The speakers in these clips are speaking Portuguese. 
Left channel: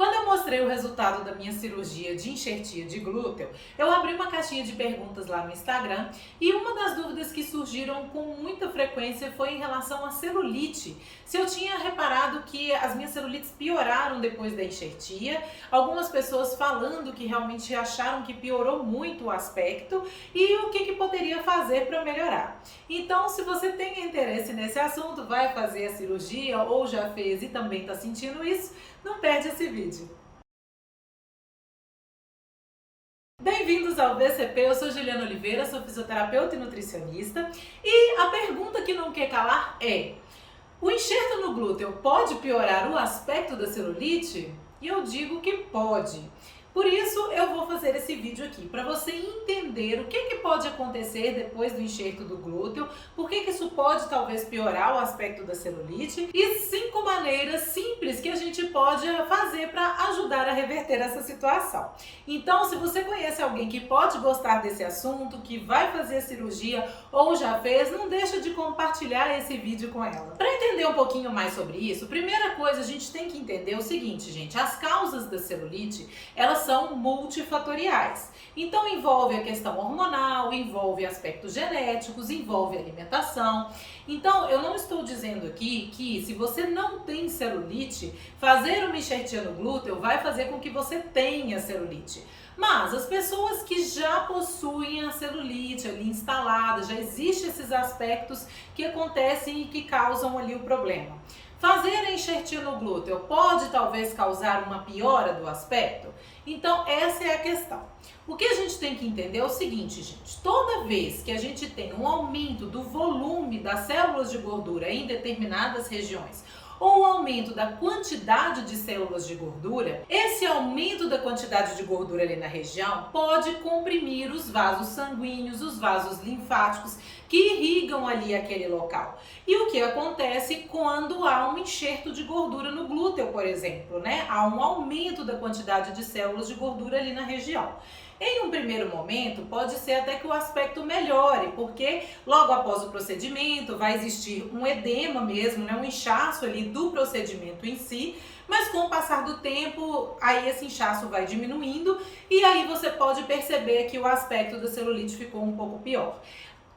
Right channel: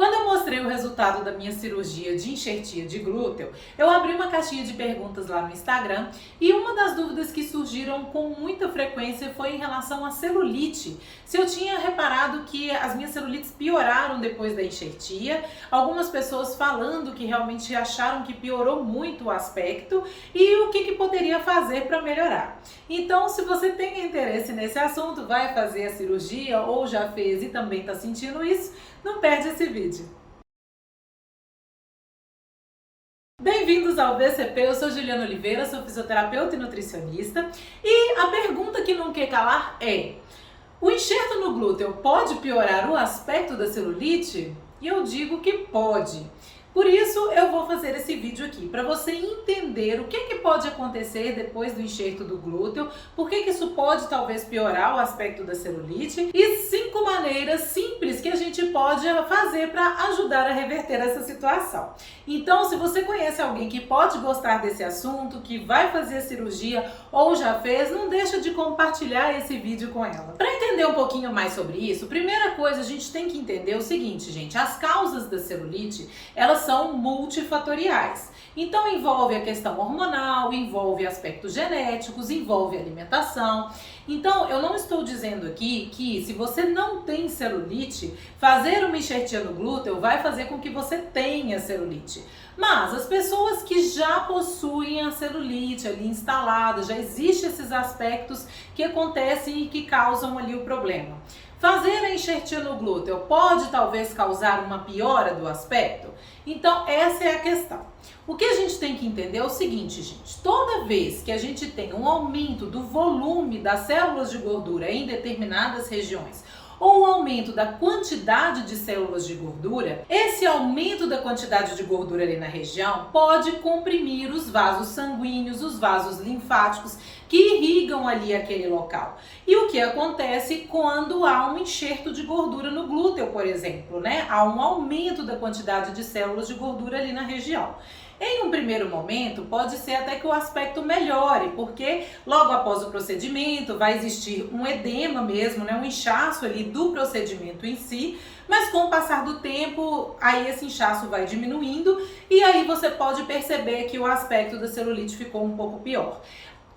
Quando eu mostrei o resultado da minha cirurgia de enxertia de glúteo, eu abri uma caixinha de perguntas lá no Instagram e uma das dúvidas que surgiram com muita frequência foi em relação à celulite. Se eu tinha reparado que as minhas celulites pioraram depois da enxertia, algumas pessoas falando que realmente acharam que piorou muito o aspecto e o que poderia fazer para melhorar. Então, se você tem interesse nesse assunto, vai fazer a cirurgia ou já fez e também está sentindo isso, não perde esse vídeo. Bem-vindos ao VCP, eu sou Juliana Oliveira, sou fisioterapeuta e nutricionista e a pergunta que não quer calar é: o enxerto no glúteo pode piorar o aspecto da celulite? E eu digo que pode. Por isso eu vou fazer esse vídeo aqui, para você entender o que pode acontecer depois do enxerto do glúteo, por que isso pode talvez piorar o aspecto da celulite e 5 maneiras simples que a gente pode fazer para ajudar a reverter essa situação. Então, se você conhece alguém que pode gostar desse assunto, que vai fazer a cirurgia ou já fez, não deixa de compartilhar esse vídeo com ela. Para entender um pouquinho mais sobre isso, primeira coisa a gente tem que entender o seguinte, gente, as causas da celulite, elas são multifatoriais. Então envolve a questão hormonal, envolve aspectos genéticos, envolve alimentação. Então eu não estou dizendo aqui que se você não tem celulite, fazer uma enxertia no glúteo vai fazer com que você tenha celulite. Mas as pessoas que já possuem a celulite ali instalada, já existem esses aspectos que acontecem e que causam ali o problema. Fazer a enxertia no glúteo pode talvez causar uma piora do aspecto? Então essa é a questão. O que a gente tem que entender é o seguinte, gente, toda vez que a gente tem um aumento do volume das células de gordura em determinadas regiões, ou um aumento da quantidade de células de gordura, esse aumento da quantidade de gordura ali na região pode comprimir os vasos sanguíneos, os vasos linfáticos que irrigam ali aquele local. E o que acontece quando há um enxerto de gordura no glúteo, por exemplo, né? Há um aumento da quantidade de células de gordura ali na região. Em um primeiro momento, pode ser até que o aspecto melhore, porque logo após o procedimento vai existir um edema mesmo, né, um inchaço ali do procedimento em si, mas com o passar do tempo, aí esse inchaço vai diminuindo e aí você pode perceber que o aspecto da celulite ficou um pouco pior.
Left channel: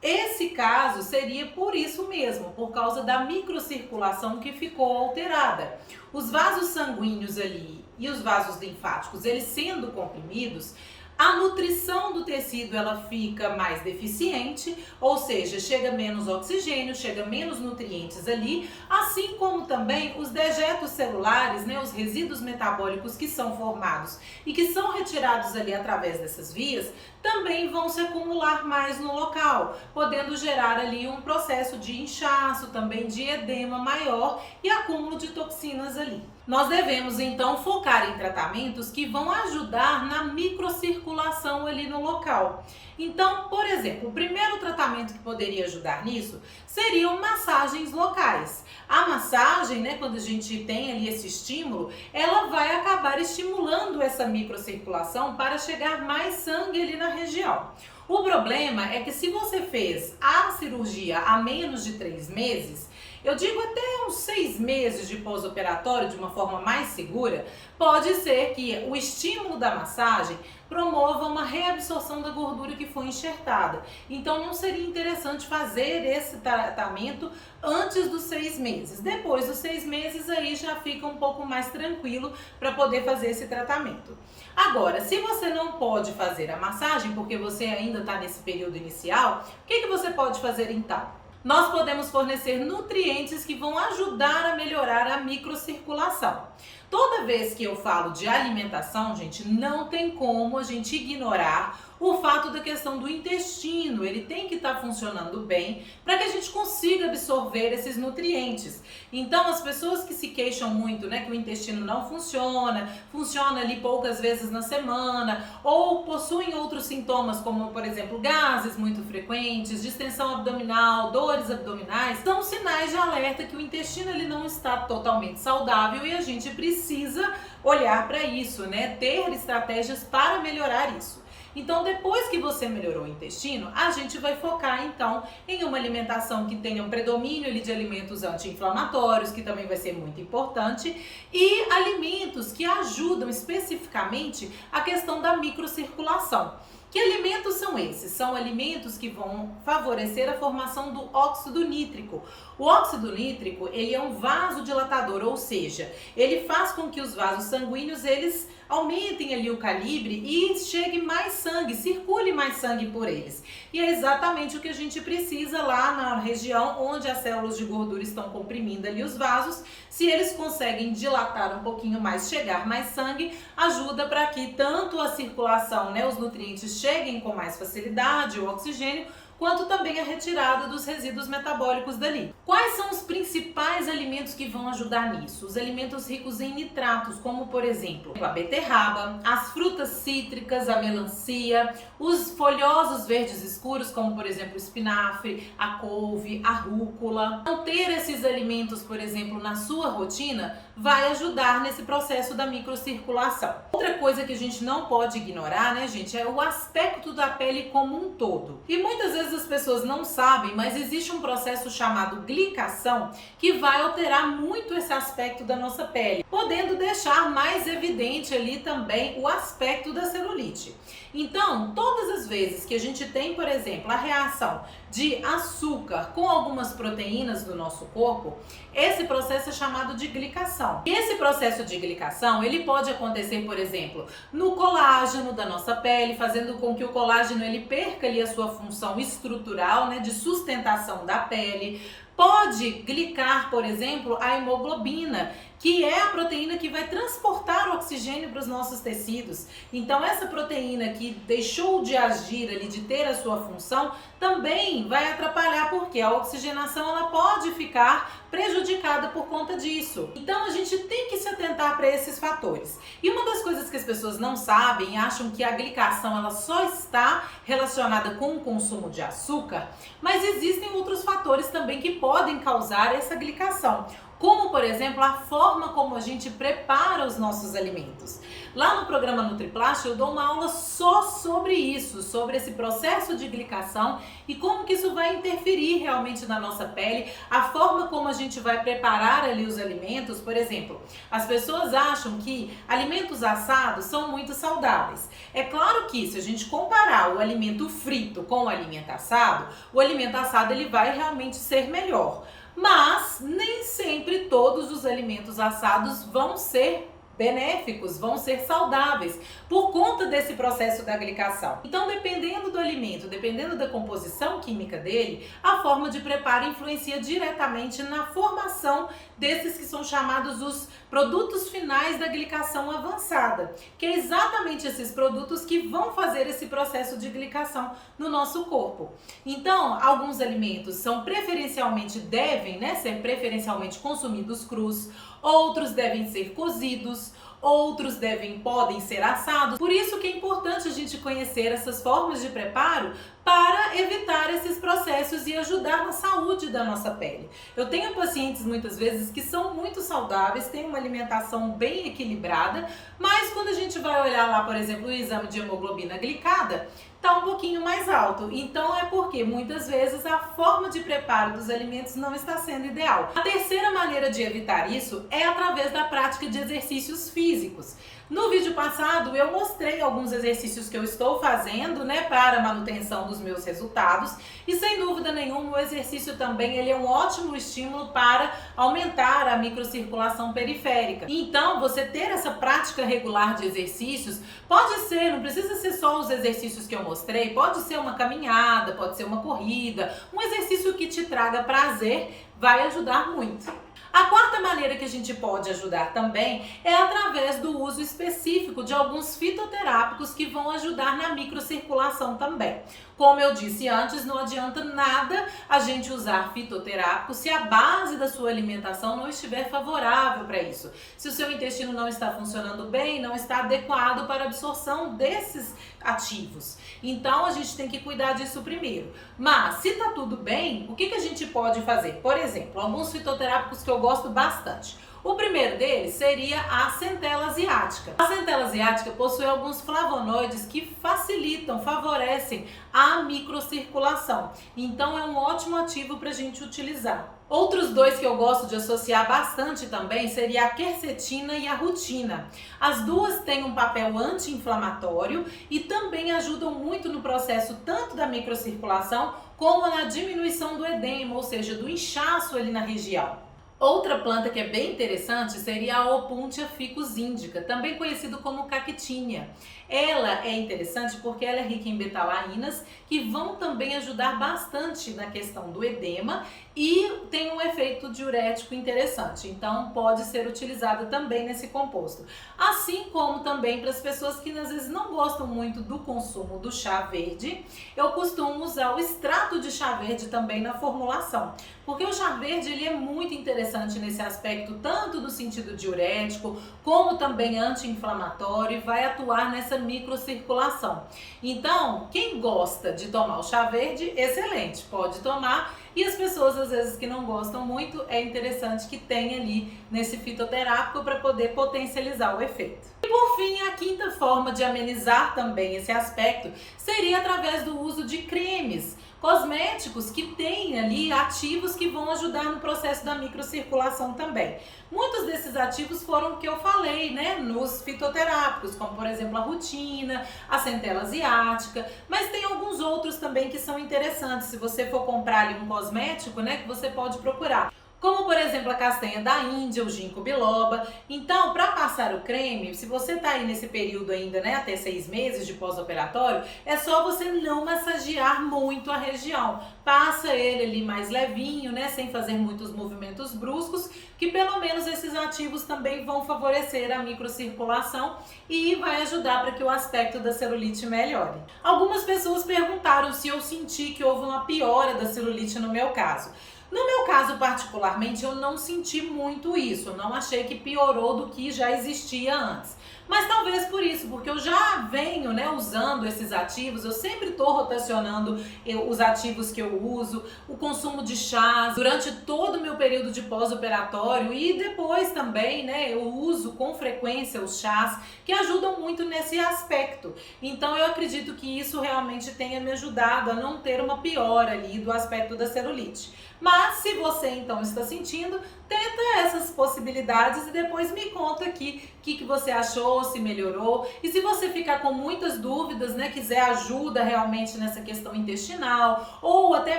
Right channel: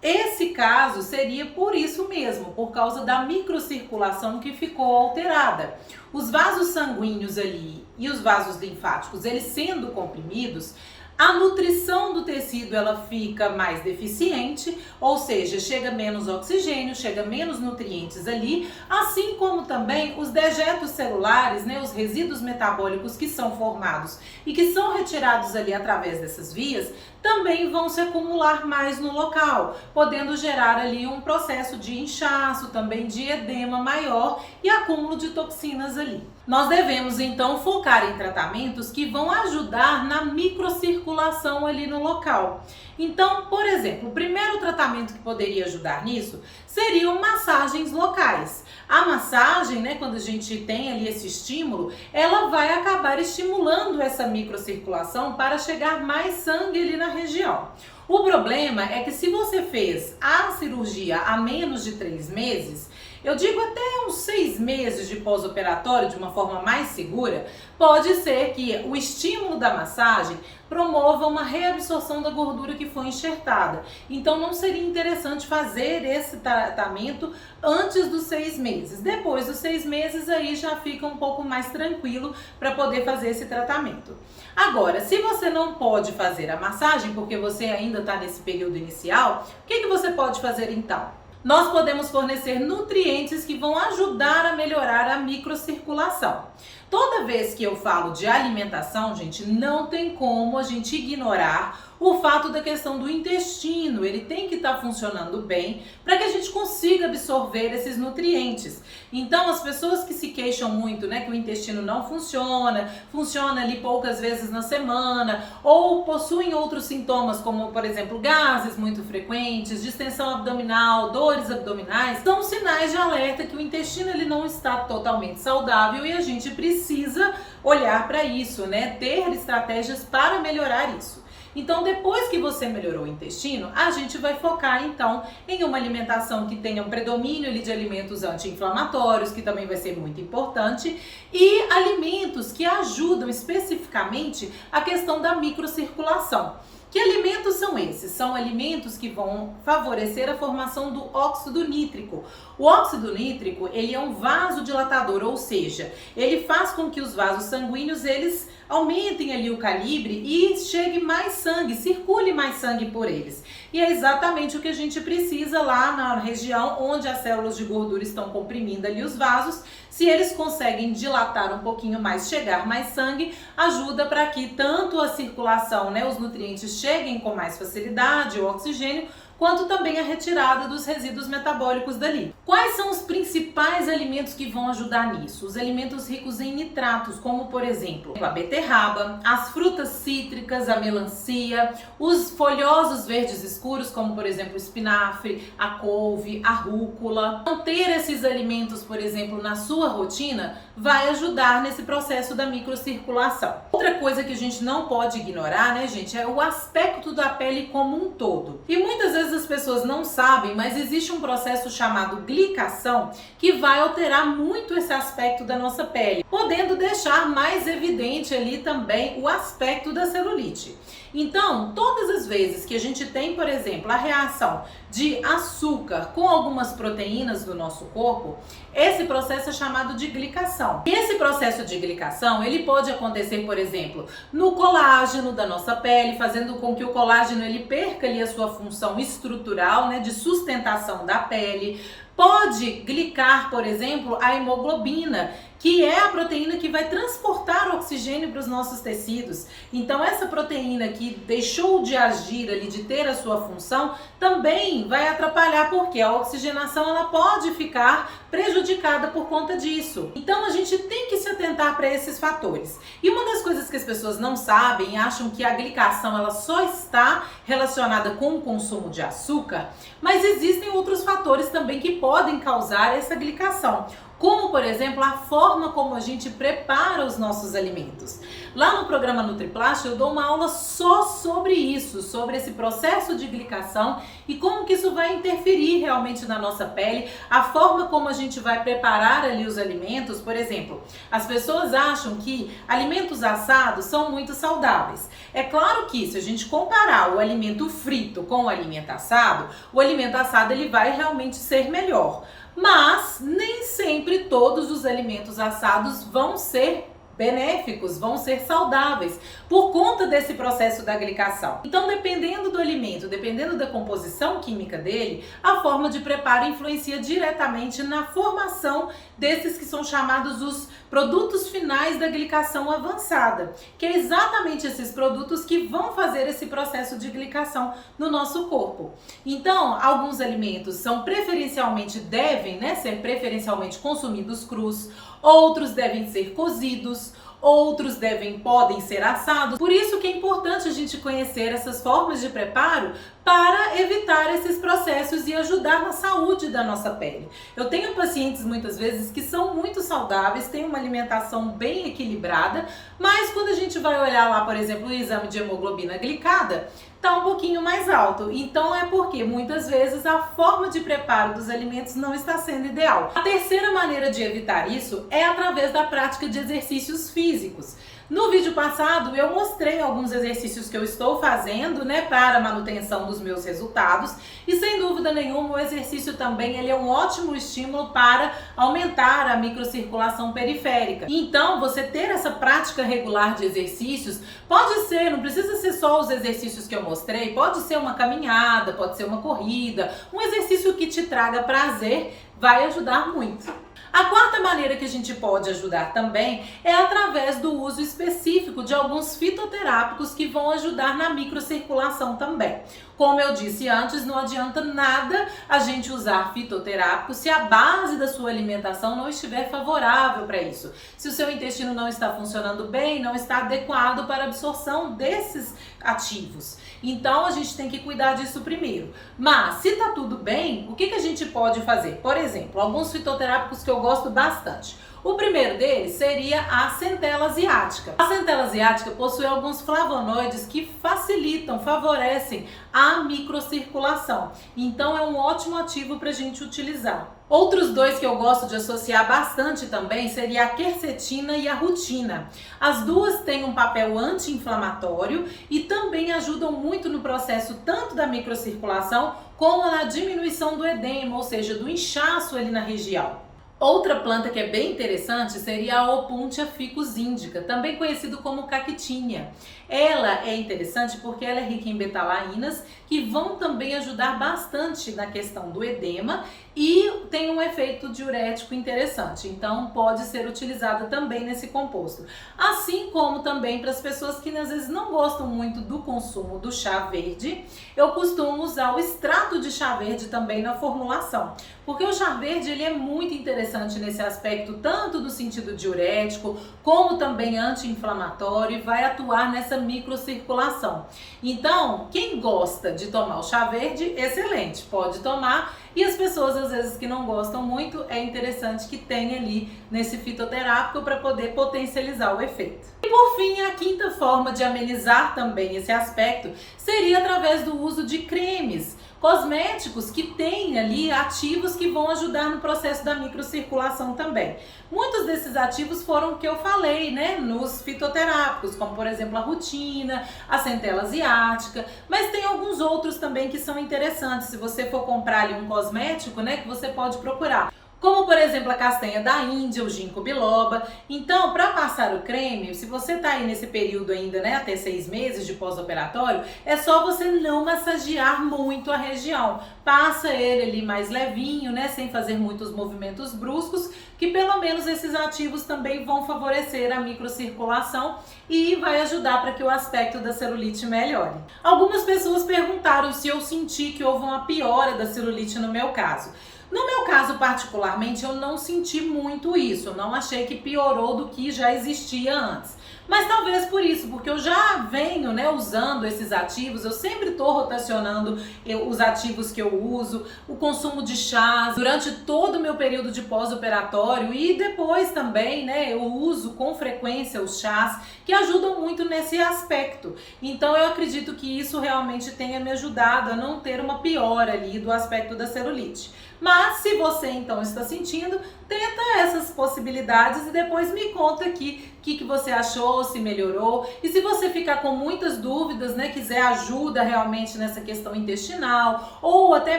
Esse caso seria por isso mesmo, por causa da microcirculação que ficou alterada. Os vasos sanguíneos ali e os vasos linfáticos, eles sendo comprimidos, a nutrição do tecido ela fica mais deficiente, ou seja, chega menos oxigênio, chega menos nutrientes ali, assim como também os dejetos celulares, né, os resíduos metabólicos que são formados e que são retirados ali através dessas vias, também vão se acumular mais no local, podendo gerar ali um processo de inchaço, também de edema maior e acúmulo de toxinas ali. Nós devemos então focar em tratamentos que vão ajudar na microcirculação ali no local. Então, por exemplo, o primeiro tratamento que poderia ajudar nisso seriam massagens locais. A massagem, né, quando a gente tem ali esse estímulo, ela vai acabar estimulando essa microcirculação para chegar mais sangue ali na região. O problema é que se você fez a cirurgia há menos de 3 meses, eu digo até uns 6 meses de pós-operatório, de uma forma mais segura, pode ser que o estímulo da massagem promova uma reabsorção da gordura que foi enxertada. Então não seria interessante fazer esse tratamento antes dos 6 meses. Depois dos 6 meses aí já fica um pouco mais tranquilo para poder fazer esse tratamento. Agora, se você não pode fazer a massagem porque você ainda está nesse período inicial, o que você pode fazer então? Nós podemos fornecer nutrientes que vão ajudar a melhorar a microcirculação. Toda vez que eu falo de alimentação, gente, não tem como a gente ignorar o fato da questão do intestino. Ele tem que estar funcionando bem para que a gente consiga absorver esses nutrientes. Então, as pessoas que se queixam muito, né, que o intestino não funciona ali poucas vezes na semana, ou possuem outros sintomas, como, por exemplo, gases muito frequentes, distensão abdominal, dores abdominais, são sinais de alerta que o intestino ele não está totalmente saudável e a gente precisa olhar para isso, né? Ter estratégias para melhorar isso. Então, depois que você melhorou o intestino, a gente vai focar então em uma alimentação que tenha um predomínio ali de alimentos anti-inflamatórios, que também vai ser muito importante, e alimentos que ajudam especificamente a questão da microcirculação. Que alimentos são esses? São alimentos que vão favorecer a formação do óxido nítrico. O óxido nítrico, ele é um vasodilatador, ou seja, ele faz com que os vasos sanguíneos, eles aumentem ali o calibre e chegue mais sangue, circule mais sangue por eles. E é exatamente o que a gente precisa lá na região onde as células de gordura estão comprimindo ali os vasos. Se eles conseguem dilatar um pouquinho mais, chegar mais sangue, ajuda para que tanto a circulação, né, os nutrientes cheguem com mais facilidade, o oxigênio, quanto também a retirada dos resíduos metabólicos dali. Quais são os principais alimentos que vão ajudar nisso? Os alimentos ricos em nitratos, como por exemplo, a beterraba, as frutas cítricas, a melancia, os folhosos verdes escuros, como por exemplo o espinafre, a couve, a rúcula. Manter esses alimentos, por exemplo, na sua rotina vai ajudar nesse processo da microcirculação. Outra coisa que a gente não pode ignorar, né, gente, é o aspecto da pele como um todo. E muitas vezes as pessoas não sabem, mas existe um processo chamado glicação que vai alterar muito esse aspecto da nossa pele, podendo deixar mais evidente ali também o aspecto da celulite. Então, todas as vezes que a gente tem, por exemplo, a reação de açúcar com algumas proteínas do nosso corpo, esse processo é chamado de glicação. E esse processo de glicação, ele pode acontecer, por exemplo, no colágeno da nossa pele, fazendo com que o colágeno ele perca ali a sua função estrutural, né, de sustentação da pele. Pode glicar, por exemplo, a hemoglobina, que é a proteína que vai transportar o oxigênio para os nossos tecidos. Então, essa proteína que deixou de agir ali, de ter a sua função, também vai atrapalhar, porque a oxigenação ela pode ficar prejudicada por conta disso. Então, a gente tem que se atentar para esses fatores. E uma das coisas que as pessoas não sabem, acham que a glicação ela só está relacionada com o consumo de açúcar, mas existem outros fatores também que podem causar essa glicação, como por exemplo a forma como a gente prepara os nossos alimentos. Lá no programa NutriPlast eu dou uma aula só sobre isso, sobre esse processo de glicação e como que isso vai interferir realmente na nossa pele, a forma como a gente vai preparar ali os alimentos. Por exemplo, as pessoas acham que alimentos assados são muito saudáveis. É claro que se a gente comparar o alimento frito com o alimento assado ele vai realmente ser melhor. Mas nem sempre todos os alimentos assados vão ser benéficos, vão ser saudáveis por conta desse processo da glicação. Então, dependendo do alimento, dependendo da composição química dele, a forma de preparo influencia diretamente na formação desses que são chamados os produtos finais da glicação avançada, que é exatamente esses produtos que vão fazer esse processo de glicação no nosso corpo. Então, alguns alimentos são devem ser preferencialmente consumidos crus, outros devem ser cozidos, outros podem ser assados. Por isso que é importante a gente conhecer essas formas de preparo para evitar esses processos e ajudar na saúde da nossa pele. Eu tenho pacientes muitas vezes que são muito saudáveis, têm uma alimentação bem equilibrada, mas quando a gente vai olhar lá, por exemplo, o exame de hemoglobina glicada, tá um pouquinho mais alto. Então é porque muitas vezes a forma de preparo dos alimentos não está sendo ideal. A terceira maneira de evitar isso é através da prática de exercícios físicos. No vídeo passado eu mostrei alguns exercícios que eu estou fazendo, né, para manutenção dos meus resultados, e sem dúvida nenhuma o exercício também ele é um ótimo estímulo para aumentar a microcirculação periférica. Então, você ter essa prática regular de exercícios pode ser, não precisa ser só os exercícios que eu mostrei, pode ser uma caminhada, pode ser uma corrida, um exercício que te traga prazer, vai ajudar muito. A quarta maneira que a gente pode ajudar também é através do uso específico de alguns fitoterápicos que vão ajudar na microcirculação também. Como eu disse antes, não adianta nada a gente usar fitoterápicos se a base da sua alimentação não estiver favorável para isso. Se o seu intestino não está funcionando bem, não está adequado para a absorção desses ativos. Então a gente tem que cuidar disso primeiro. Mas se tá tudo bem, o que a gente pode fazer? Por exemplo, exemplo, alguns fitoterápicos que eu gosto bastante. O primeiro deles seria a centela asiática. A centela asiática possui alguns flavonoides que facilitam, favorecem a microcirculação. Então é um ótimo ativo para a gente utilizar. Outros dois que eu gosto de associar bastante também seria a quercetina e a rutina. As duas têm um papel anti-inflamatório e também ajudam muito no processo tanto da microcirculação como na diminuição do edema, ou seja, do inchaço ali na região. Outra planta que é bem interessante seria a Opuntia ficus indica, também conhecido como cactinha. Ela é interessante porque ela é rica em betalainas, que vão também ajudar bastante na questão do edema e tem um efeito diurético interessante, então pode ser utilizada também nesse composto. Assim como também para as pessoas que às vezes não gostam muito do consumo do chá verde, eu costumo usar o extrato de chá verde também na formulação, porque o chá verde ele é muito interessante nesse aspecto, tanto no sentido diurético, como também anti-inflamatório, e vai atuar nessa microcirculação. Então, quem gosta de tomar o chá verde, excelente, pode tomar. E as pessoas, às vezes, que não gostam muito, é interessante que tenha ali nesse fitoterápico para poder potencializar o efeito. E por fim, a quinta forma de amenizar também esse aspecto seria através do uso de cremes, cosméticos que têm ali ativos que vão ajudar no processo da microcirculação também. Muitos desses ativos foram o que eu falei, né, nos fitoterápicos, como por exemplo a rutina, a centela asiática, mas tem alguns outros também que são interessantes. Se você for comprar ali um cosmético, né, que você pode procurar. Como por exemplo a castanha da Índia, o ginkgo biloba. Então, para passar o creme, se você tá aí nesse período ainda, né, até 6 meses de pós-operatório, é só você não massagear muito a região. Passa ele ali mais levinho, né, sem fazer muitos movimentos bruscos, que pelo menos esses ativos também vão favorecer a microcirculação e vai ajudar para que o aspecto da celulite melhore. Algumas pessoas perguntaram se eu senti que houve uma piora da celulite no meu caso. No meu caso, particularmente, eu não senti muito isso, eu não achei que piorou do que já existia antes. Mas talvez por isso, porque eu já venho, né, usando esses ativos, eu sempre estou rotacionando os ativos que eu uso, o consumo de chás durante todo o meu período de pós-operatório e depois também, né, eu uso com frequência os chás que ajudam muito nesse aspecto. Então eu acredito que isso realmente tenha me ajudado a não ter uma piora ali do aspecto da celulite. Mas se você então está sentindo, tenta essas possibilidades e depois me conta aqui o que você achou, se melhorou. E se você ficar com muitas dúvidas, né, quiser ajuda realmente nessa questão intestinal ou até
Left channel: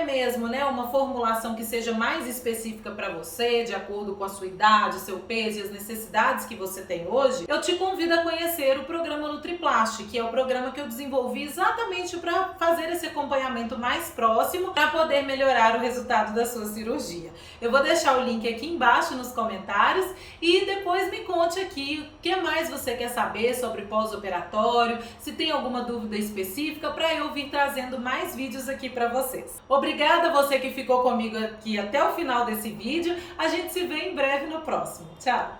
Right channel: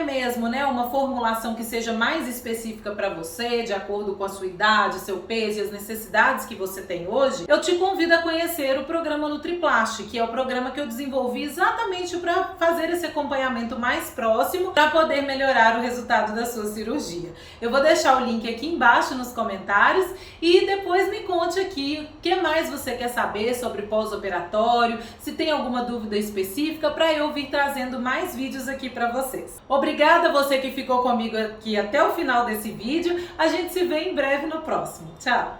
mesmo, né, uma formulação que seja mais específica para você, de acordo com a sua idade, seu peso e as necessidades que você tem hoje, eu te convido a conhecer o programa NutriPlast, que é o programa que eu desenvolvi exatamente para fazer esse acompanhamento mais próximo para poder melhorar o resultado da sua cirurgia. Eu vou deixar o link aqui embaixo nos comentários e depois me conte aqui o que mais você quer saber sobre pós-operatório, se tem alguma dúvida específica para eu vir trazendo mais vídeos aqui para vocês. Obrigada a você que ficou comigo aqui até o final desse vídeo. A gente se vê em breve no próximo. Tchau!